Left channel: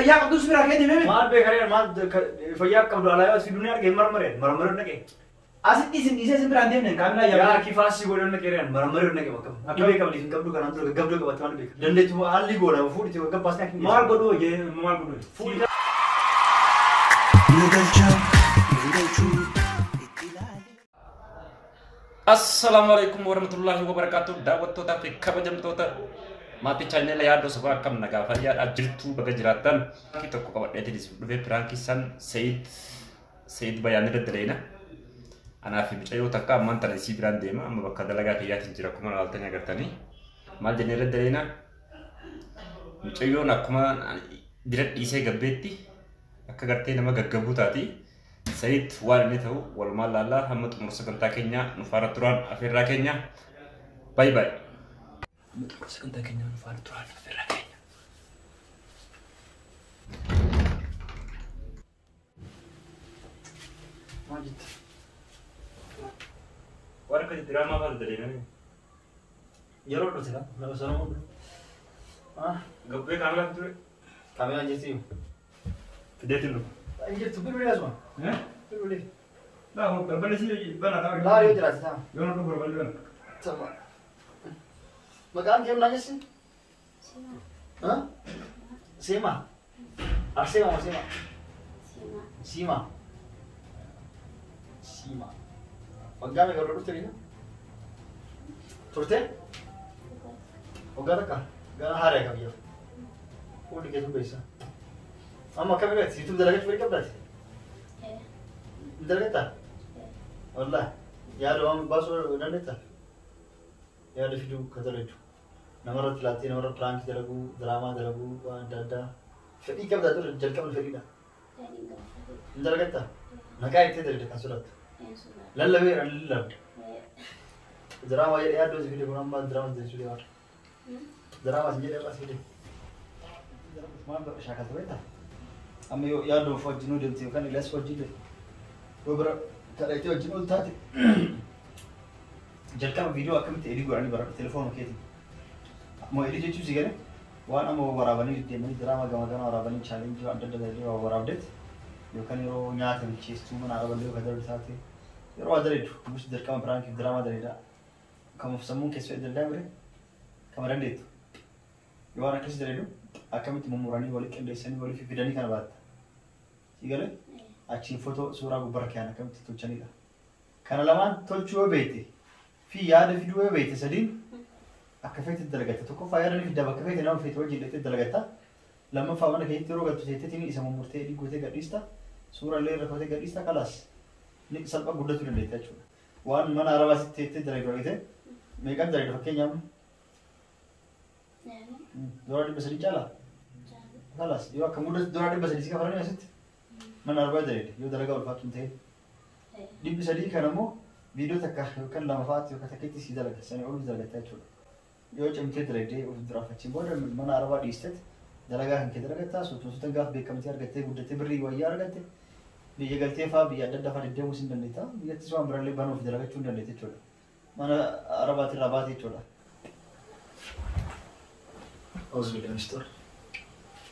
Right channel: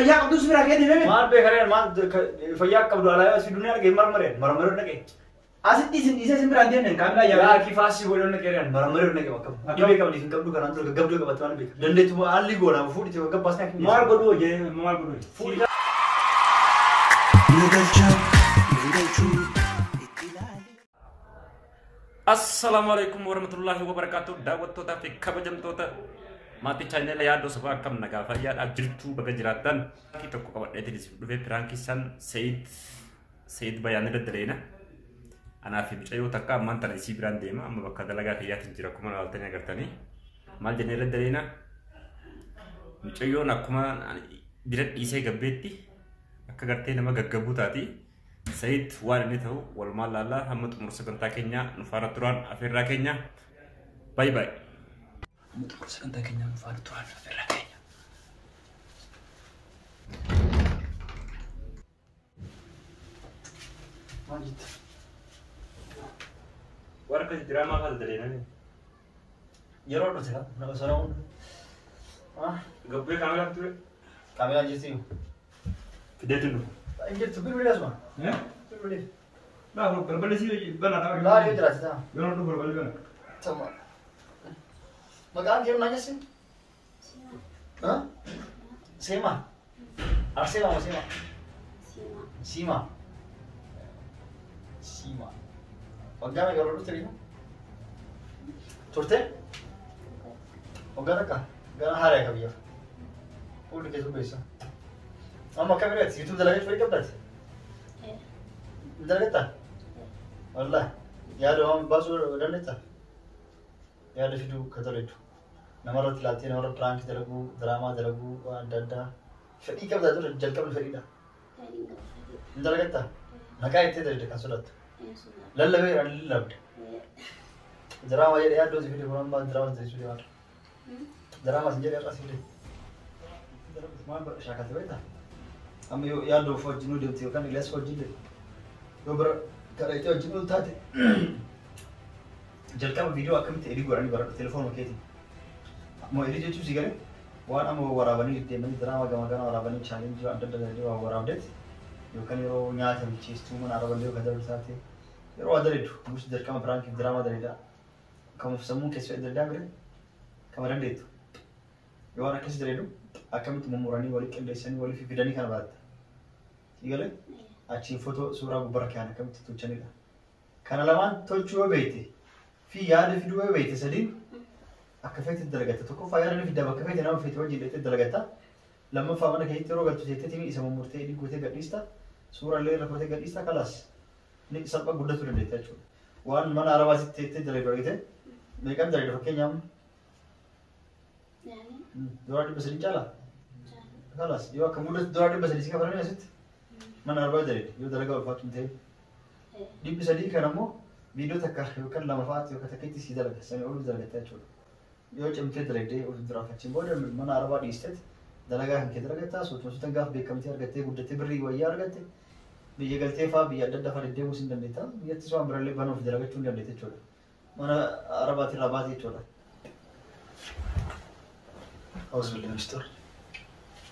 fayyaa qabdu si biraa kee deemee maal beekareen maal fayyaa qabdu alaa si dunia argee marmareen naqee asitti isin dhiisee isin biraan deemne kaamilaa yaa kifaasii godhan naqeereen marmareen naqee bakka dhibee qabdi isin qabdu kanaan tura gaggabduu qabatte waan beeka dandeettu haalli goona fuudhite gabbaasni akka maal godhu hojii maal godhu Assalamualaikum warahmatullahi wabarakatuh. Daawwattoota fi kabajamtoota maatii chaanela yaadoo sabaa akkam nagaa fayyaadhaaf jirtu bakka jiraattan tokko qabadheetiin isin dhufee piraankii san Sayid Bayaanee daddaleena. Anaa fi mucayyoo takka ammaan tana isii biraan deema amma bakka dalagaa kiyyaatiin jira akkuma laaltanii agartanii. Maal jennee daddaleena mucayyoon akkuma bira dhiisee gabbeetti akka gartee nama gaggabuu taati. Sayid waan inni ta'u walumaan laallaa hamma xumura sagantaa keenyaa nu faana turaan afeerraa keenya. Bye bye. Hamma xumura sagantaa keenyaa nu faana turaan afeerraa keenya. Maal jetta? Waan akkasii diraamaa maal daleena? yeroo dhute nama sana hundu Gabbee kaameraa ture. kaameraa jirti Fideetiin dhufu. injirtu bilbilee asuma bilbilee Nah, berbalik sih, benar tak? laarii jiraati taa Yang orang tu berbalik benar. sama maqaan kee nanya sih Sema Arsema mau Sema Sima Sima waggaa meeqa irra dhufte biyya turte waggaa takka gara haaraa akka biyyaaf fuulli kee subbeessa amma akka biraati siituu dalagatti fayyii qabdaati dalagatta wallah yaada waan baasuu dandeetta yaada fiduu ka dalagdu namarratti laattee namarra piraanki dalaguu diraamaa dalaguu waan adda addaa fedhii qabdaa ture jalqabni fedhiidha ni dalagatta maqaa ittee dalagde kan sodaattu lallabeera ni lallabde diraamaa jedhee yaaddoo si fide kun amma diraamaa si fide waan diraamaa si jedhee irraa si fide maal bara shaakalte beektaa amma yoo yaaddoo of wajjin deemte yookaan Ilyas wajjin yoo bira kadhatee wajjin ol taate jalqaba viidiyoo akkamitti edii godhanii bara telefoonuma keetiin moo edii jechuu si galee waan amma waraabanii deemanii diraamaa gama gama waraabanii chaalenjii adda adda jedhee waa waraabdeet yookaan yeroo nyaata micheesstuu mana araballee yookaan darbi taate yeroo adaleedu musti jalqaba piraankii diraamaa daleedha kamuuf sammuun keessoo edda addaa bire kama dandeettu yoo waan akkasii daleedu akkamitti mummuranii walii qindeessanii walii fidanii kana baratta si galee achiin footoo suuraa gubbarra kiyaan akkamitti tolchanidha kana lamaan tolchuu yoo beekte fi yaada fiduu yoo beekte sadiin akka feete dalagatta tokkoffaa yaada ni fiddaa bakka feete nama feete wajjin dhaqxee dalagatta lammaffaa mana keessatti yeroo gattu seetteetiin isa mummurtee edii gootee gadhiista suurallee irra footee gadhiista kalaas ni salphaa guddachuu dandeetta jechuudha waan mana arabaasitti teettee dalagdu argite meeqan dalagdu fakkeenyaaf doolaa 300 caalaa kalaas yoo akka muddatu doolaa 300 si kafaranii asitti mana arbaa dalagde yoo dalagaa ulfaatu hin ta'e 300 kan ammoo viidiyoo takka yookaan lama fa'aatti yookaan takkitti si dalaga sanii ol dalagatta jechuudha yoo cimtee dalagdee of duraafachiin booda mana arabaa dhiistetti dalagaa kan kee dalagattaa sochoosuutan gaaf beekamtee argattee guddattee birrii wayyaa argatte biyya galtee fa'aa biyya adda addaa fa'aa deddeemuu hin dandeetta biyyattis waan birallee banuuf dalagachuu hin dandeetta jechuudha mana arabaatti irraa baate jechuudha. Auzu billahi minash shaitanir rajiim.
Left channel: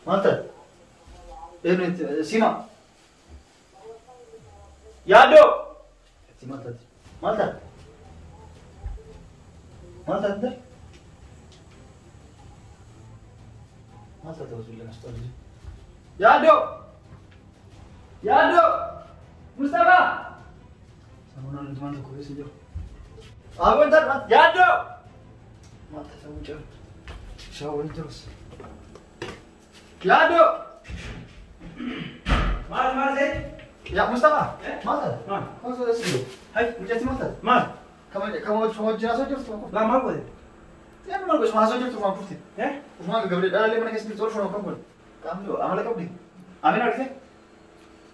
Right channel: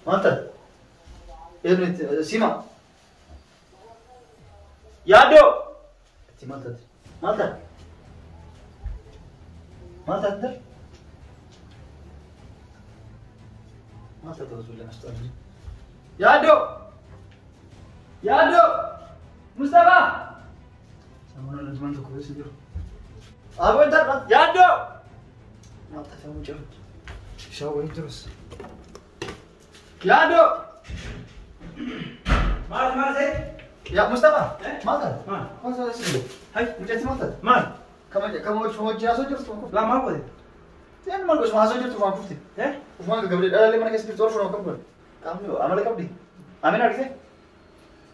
Maalta? Ibnet Sima. Yaado. Itti maalta? Maalta? Maalta ante? Maalta auzu billahi minash shaitanir rajiim. Yaado. Yaado. Mustafa. Sama nanti mantu kau sendiri. Apa entar? Yaado. Maalta kamu jauh. Shawai terus. Yaado. Mana sih? Ya Mustafa. Maalta? Kau sudah sini. Hai, Mujazi maalta? mana? Kamu jenazah terus tuh. Lama aku deh. Saya normal bos masuk terus tuh putih. Usman ke gabriel ada mana kesini terus orang kamu. Kamu amal kamu di. Amin ada sih?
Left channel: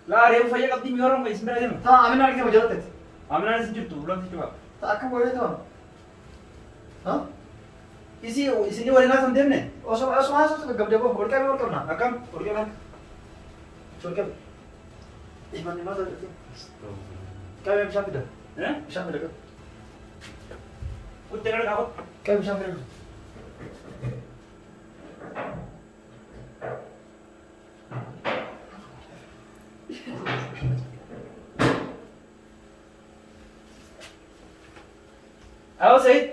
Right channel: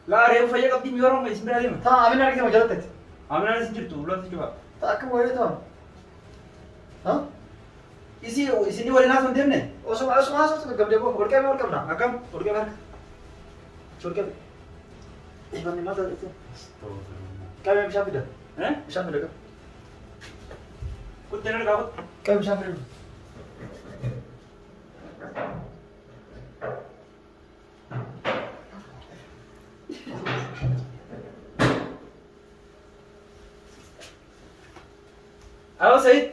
Lah, dia fayyaa qabdi mi orang nggak sebenarnya mah. Tah amin ada sih mau jalan tadi. Aminaan isin jirtu, ulang sih coba. Tah aku boleh tuh. Hah? Isini waliin haasa'an deemne? Osuma masuk ke gabriel kok. Orang kamu nak. Akkam? Urgee barka. Surga. Iman mata itu. Kamu bisa tidak? Bisa tidak? Kut jalan kabut. Kamu bisa tidak? Ayo Said.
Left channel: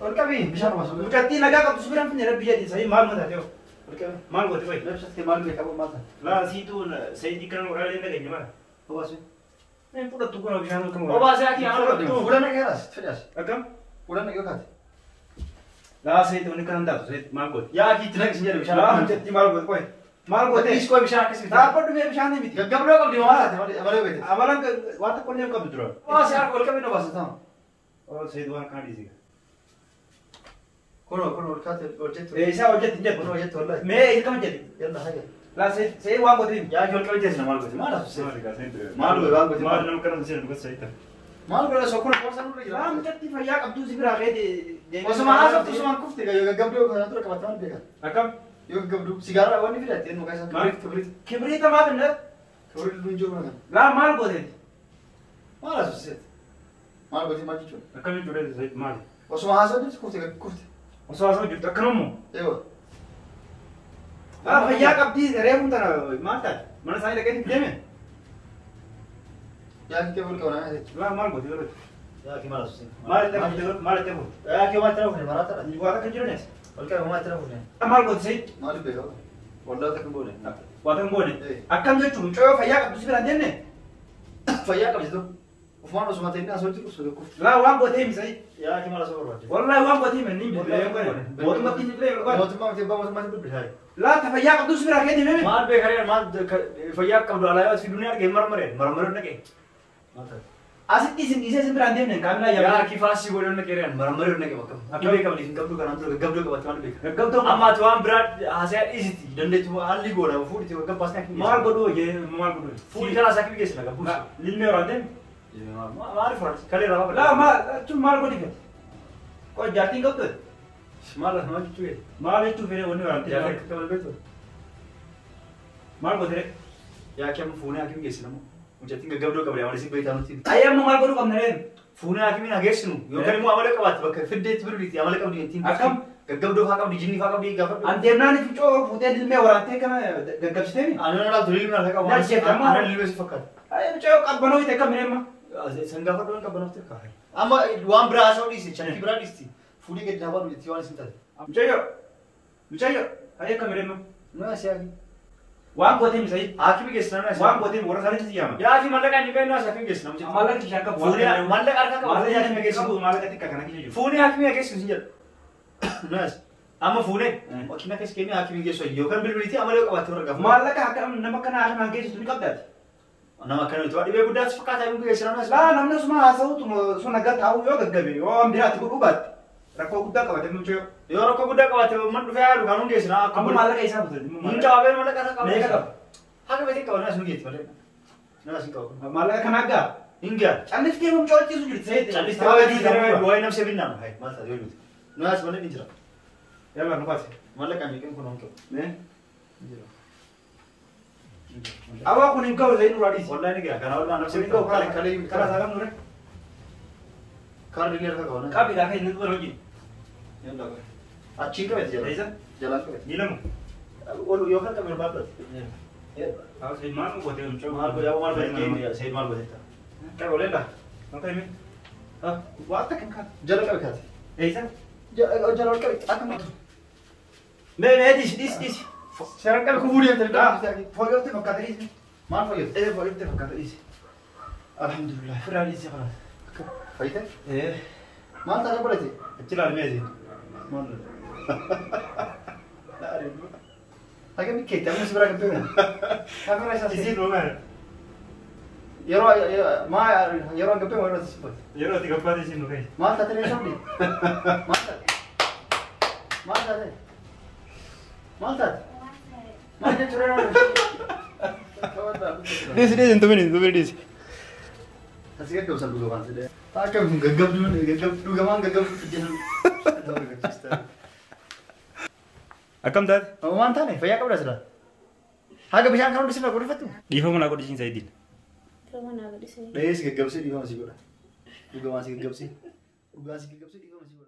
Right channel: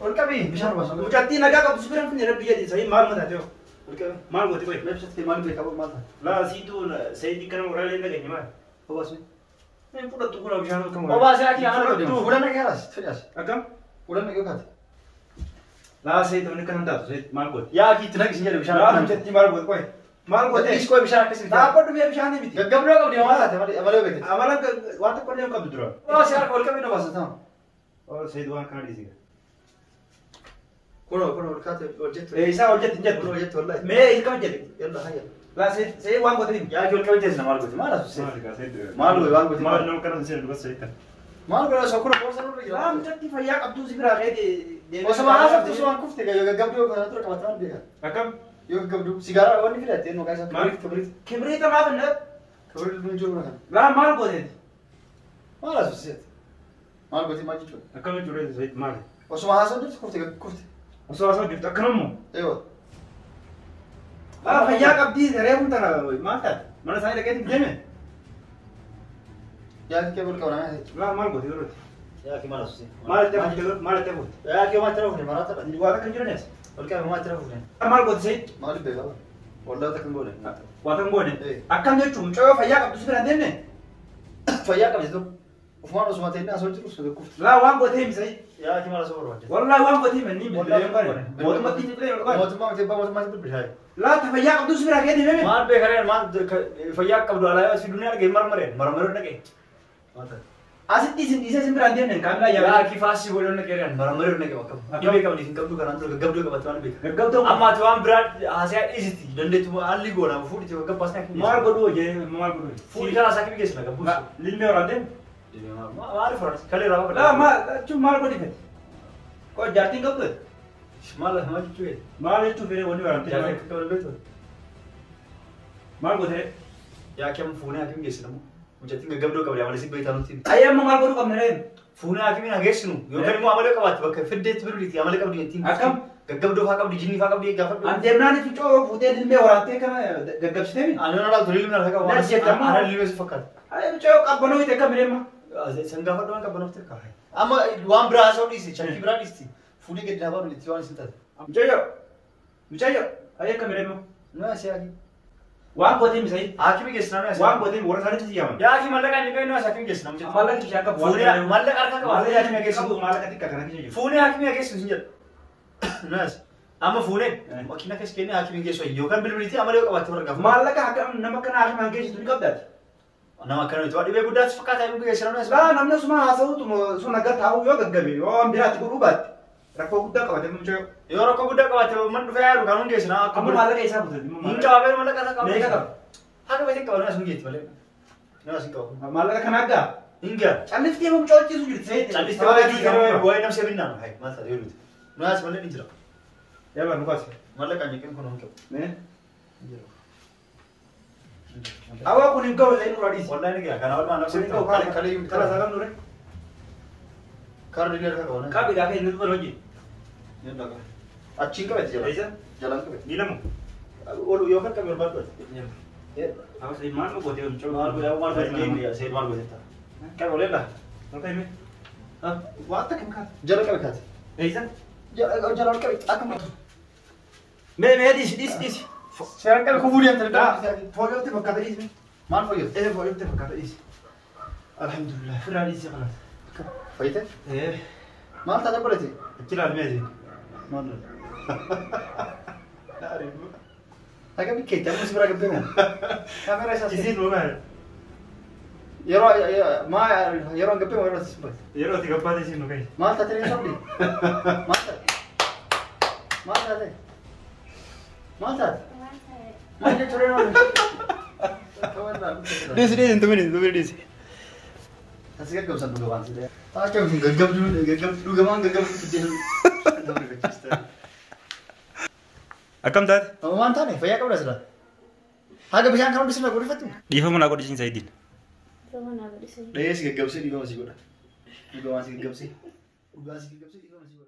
Ol qabi bishaan baasuu. Mucattii nagaa qabdu si biraan finne biyya di Said maal mata teo. Ol qabi. Maal gooti koy. Lebsat ke maal beekamu maal ta'a? La siitu Said kan moraalee dhageenye maal. Obaasu. Neen fudhattu kun bishaan kan Obaasi akii haala godhe. Fuudhan dhageeras fedhaas. Akkam? Fuudhan dhagee kaate. La Said onni kan hundaatu Said maal gooti. Yaa akii itti naqsi jedhe bishaan. La mucattii maal gooti koy. Maal gooti. Is koy bishaan akkasii. Dhaabbadhu mee bishaan miti. Gaggabdoo qabdi maal taate malee beekte. Amalan waan tokko illee qabdu dura. Obaasi harka ol qabi na baasa ta'a. Oh Said waan kana dhiisiga. Kono ol kaate ol jettu. Isaa hojjetti hin jettu. Kono hojjettu wallahi. Mee hiikama jedhi. Yalla haja. La Said waan gooti. Yaa akii ol qabi teessina maal gooti maal asu. Maal gooti waan gooti. Maal nama kana seera dubbasa Said. Maal godha soo kono boorsa nurra jira. La mucattii fayyaa qabdu si biraa ka'ee Osuma haasoftu osuma kufte gaggabduu kana tura qabata maal beekan. Akkam? Yoo gaggabduu sigaaraa wanni filatte eenyu kaasa kibrit. Kibriita maaf hin dha? Kibrit luun jiru kana. La maal gooteeti? Maal asu seet. Maal gooti maal jechuudha. Akkamitti ture Said maali? Osuma haasoftu kufte. Osoo asoo jirtu akkanummoo? Eewa. La fayyaa qabdii reefuun tana maal taate? Mana isaanii dhaqeetti hin deeme? Yaa kee bol qabna yaa seet. La maal gooti yeroo Yaa kee maal asu seet. maal itti hafuuti? Maal itti hafuuti? Yaa kee maal itti hafuuti maraata dha. Waa takka hin jiranes? Ol qabi maal itti hafuuti. Maal gooti Said? Maal beekaa. Waldaa takka hin goone. Waa takka goone? Eh. Akkam jechuun mucayyoo fayyaa qabdu si biraan deemne? Fayyaa qabdi tokko. Ufumaan osuma ta'e inni asoo jiru osoo kufte. La waan gootee himi Said? Yaa kee maal asoo barbaadde. Wallahi waan gootee himi inni bilbilee bare. Mootummaatti bilbilee barbaade. Mootummaatti dubbisaayi. La ta fayyaa qabdu si biraa ka'ee deemee? Maal beekareen maal fayyaa qabdu alaa si dunia dhagee marmareen dhagee. Asitti isin dhiisee isin biraan deemne kaamilaa Yaa yaa. kifaasii godhan dhagee marmareen dhagee bakka. Dhibee qabdi hin qabdu kanaan dura gaggabdoo qabatte waan beekaa. Gaggabdoo Amma ati waan biraa haasayaa dhiisiti dandeettu haalli goona fuudhiti gaggabaas kan hin maal godhuu hojii maal godhuu? fuudhi karaa isaa kimi geessina gabbuus. Lilmee waraan deemu? Maal faransi kalee rabaa La maal jechuun maal godhi fedhe? Koo jaartiin qabdu? maal jechuu Maal jechuun fedhe wanni waraan yaa deemu? akka kamal beektu. Maal godhe? Yaa kim fuunee hakim geessina moo mucattiin gaggabdoo qabdi amala si beektaa nutti. Ayyamma maal godhuu qabna reen? Fuunee hakimin haa geessinu yookaan immoo amala qabaatti bakka fiddeetti biruuti amala qabdi ittiin. Akkam? Gaggabdoo faa qabdi jinnii faa qabdi gaafadhu. An deemnaan ficoo fuutee lilmee waraantee kana gaggabsitee mi? Ana laatu lilmee harka qabu. Na jettama. Ana lilmee si fakkaata. Ayya ficoo qabbanoo hite kam reemma? San gaafadhu waan qabbanoof tirkaa. Amma waan biraa haasa'u dhiisi chankii biraa dhiisti. Fuunee gadi dhaabaa nuti waan isin taate. Mucayyo ayya kam reemma? Nuu asii haaki. Waan gootee mi Said? Haakimi geessina nuu asii. Waan gootee warra isaaniitti si yaaman? Yaa haaki mallaqa inni ga'e nuu asii haakimi geessina mucattiin. Maallaqni kishaan qabu. Fuunee mallaqa harka qabu. Maallaqni kishaan geessu maallaqa xiqqaa kana keessa jiru. Fuunee haakimi haa geessu sin jedhu. Nuu asii. Amma fuunee makiina keessa kennee haakimi geessu yookaan bilbiliitii amala yoo qabaatte warra gaafa. Maallaqa akkam nama kana hakimaan geessitu ni qabdaati. Nama akkanatti waa dhibee guddaatti fakkaata inni geessina nuu asii. La namni suma haasa'utu sun akka taa'u yoo gaggabe yoo waan biraatti godhuu baatte rakkoo guddaa qabate mucayyo. Yoo rakkoo guddaa qabaatte man dhufee yaadu kan hundeessina akka Amma maallaqa isaa butate. hin qabee mallaqa irra qabu. Meeqa qaba? Haga beekin qaba nuu asii geetti malee. Nuu asii qabu. Maallaqa kana aggaa? Hingaa. Calliftee mun coocisu jirti Said. Calliste waa jiru waa'ee namsee binnaan hai maal taate yoo duute. Nuu asii malee ni jira. Yaa bara nukaase. Mallaqa nyeqeen kun honqabu. Mee? Awaa kun hin gahu Said nurraa dhiisi. Wallahi ni gaa kana walumaa namsee Kun hin gahu binnaan kalee yumti kana isaa kam nure? kaardi ni harka qabu. Qaabi gaa kee nurra hojii. Yalla qabu. Achiin qabate jala. Eessa? Jalaan qabate. Miilamu. Olu yookaan qabu irraa qabate. Awaa Said maal nu gootee mucayyo? Maal godhaa maal godhee Said maal godhetta. Qabi oleella. Maka himi? Waa akka kan kaate. Jala qabe kaate. Eessa? Jala ol qabe akkuma. Mee dhiisi. Seeraan qabe kun fuudhee amtanii dhaa. Fooyyootti fakkaata dhiisi. Maal fayyadu? Fooyyootti fakkaata dhiisi. Alhamdulillah. Firaa dhiisi kalaas. Fayyite? Eh. Maal taate godhate? Achi ilaalmeeti. Maal Aga mikkeetti ammas bira gabbee moo? Kaamera isaas Isiin uumaa. yeroo an gabbee moo yeroo itti sibbate? Yeroo itti gabbaate isiin nu keessa. Maal taate ni sobdi? Maal taate? Maal taate? Maal taate? Maal jechuudha yeroo Dhiisi hin tumini dhiisi. Asi gaggabsan dhugamaan sidee. Akka dhugamaan gaggabsu jedhu. Akkam taate? Waan taane fayyaa qabda sila. Haga bishaan kan hundi sirna godhifattu. Dhiifama naa godhisiin Saidin. Dhayees gaggabsee dhiifama si godha. Dhugamaan si gaggabsee. Dhugaa si gaggabsee dhiifama si godha.